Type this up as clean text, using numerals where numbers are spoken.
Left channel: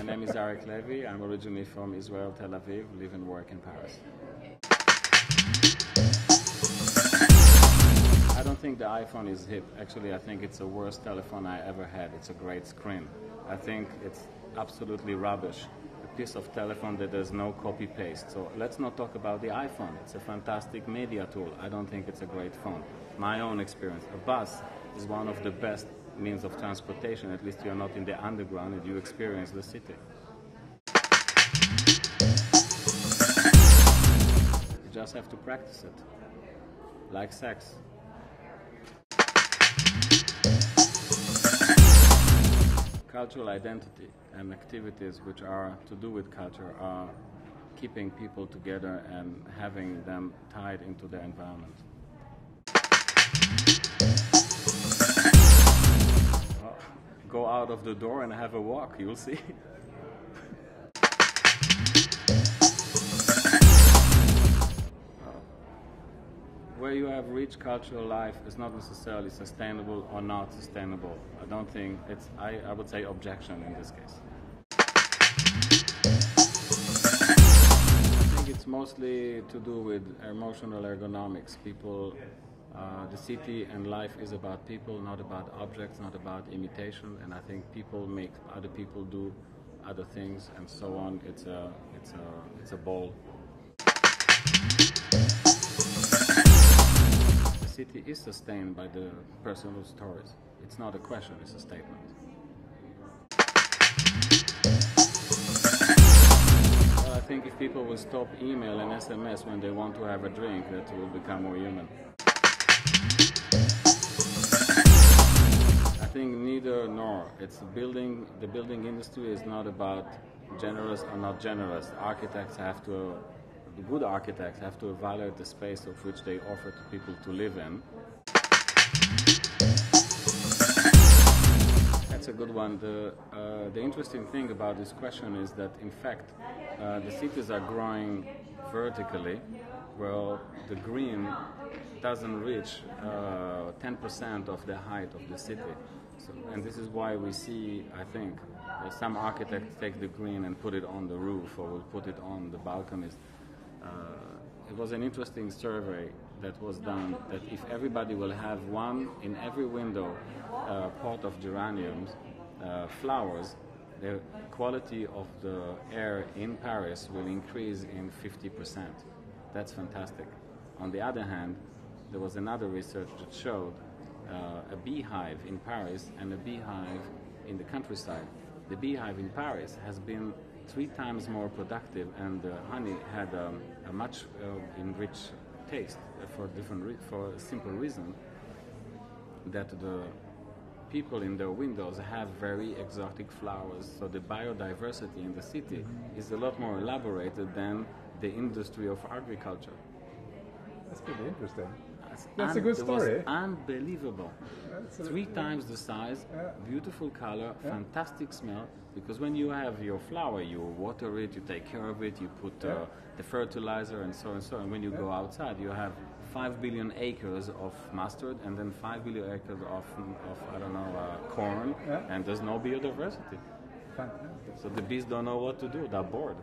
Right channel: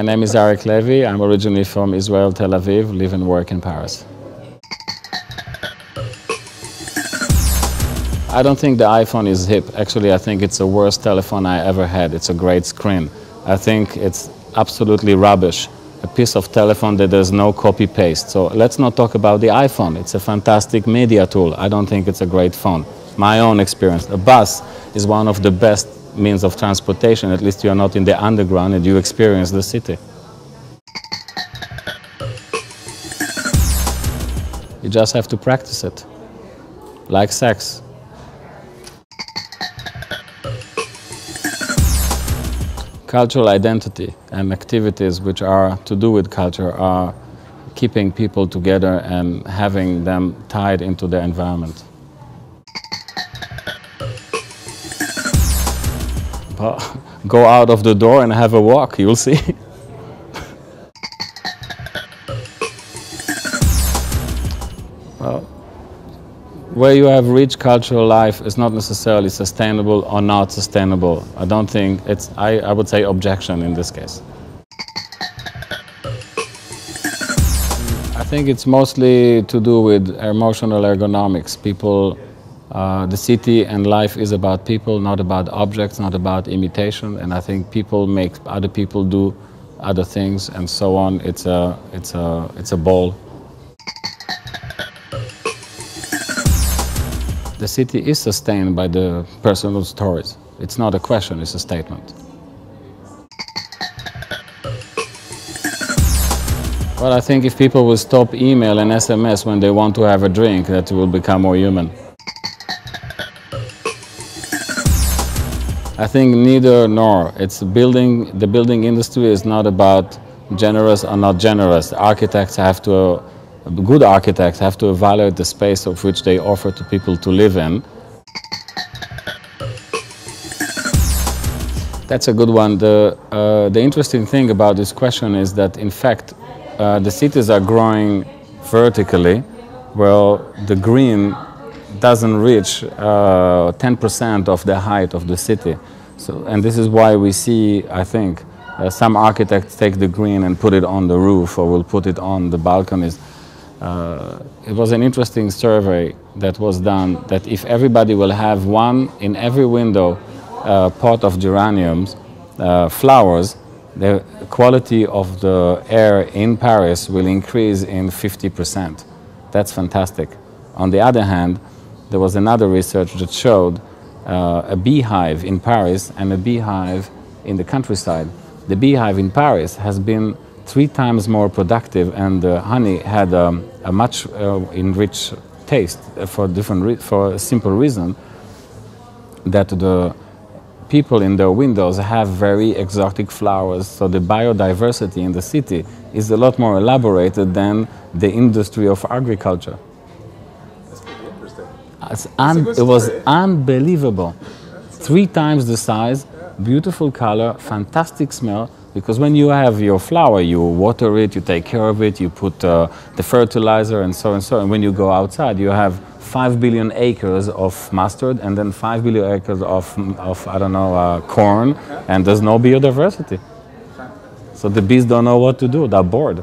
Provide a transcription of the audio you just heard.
My name is Arik Levy. I'm originally from Israel, Tel Aviv, live and work in Paris. I don't think the iPhone is hip. Actually, I think it's the worst telephone I ever had. It's a great screen. I think it's absolutely rubbish. A piece of telephone that there's no copy-paste. So let's not talk about the iPhone. It's a fantastic media tool. I don't think it's a great phone. My own experience. A bus is one of the best means of transportation. At least you're not in the underground and you experience the city. You just have to practice it. Like sex. Cultural identity and activities which are to do with culture are keeping people together and having them tied into their environment. Well, go out of the door and have a walk, you'll see. Well, where you have rich cultural life is not necessarily sustainable or not sustainable. I don't think it's, I would say objection in this case. I think it's mostly to do with emotional ergonomics. People, the city and life is about people, not about objects, not about imitation. And I think people make other people do other things and so on. It's a ball. The city is sustained by the personal stories. It's not a question, it's a statement. Well, I think if people will stop email and SMS when they want to have a drink, that will become more human. I think neither nor. It's building, the building industry is not about generous or not generous. Architects have to good architects have to evaluate the space of which they offer to people to live in. That's a good one. The interesting thing about this question is that, in fact, the cities are growing vertically, while the green doesn't reach 10% of the height of the city. So, and this is why we see, I think, some architects take the green and put it on the roof or will put it on the balconies. It was an interesting survey that was done that if everybody will have one in every window pot of geraniums, flowers, the quality of the air in Paris will increase in 50%. That's fantastic. On the other hand, there was another research that showed a beehive in Paris and a beehive in the countryside. The beehive in Paris has been 3 times more productive, and the honey had a much enriched taste for a simple reason that the people in their windows have very exotic flowers, so the biodiversity in the city is a lot more elaborated than the industry of agriculture. That's pretty interesting. It was unbelievable. 3 times the size, beautiful color, fantastic smell. Because when you have your flower, you water it, you take care of it, you put the fertilizer and so and so. And when you go outside, you have 5 billion acres of mustard and then 5 billion acres of I don't know, corn, and there's no biodiversity. So the bees don't know what to do, they're bored.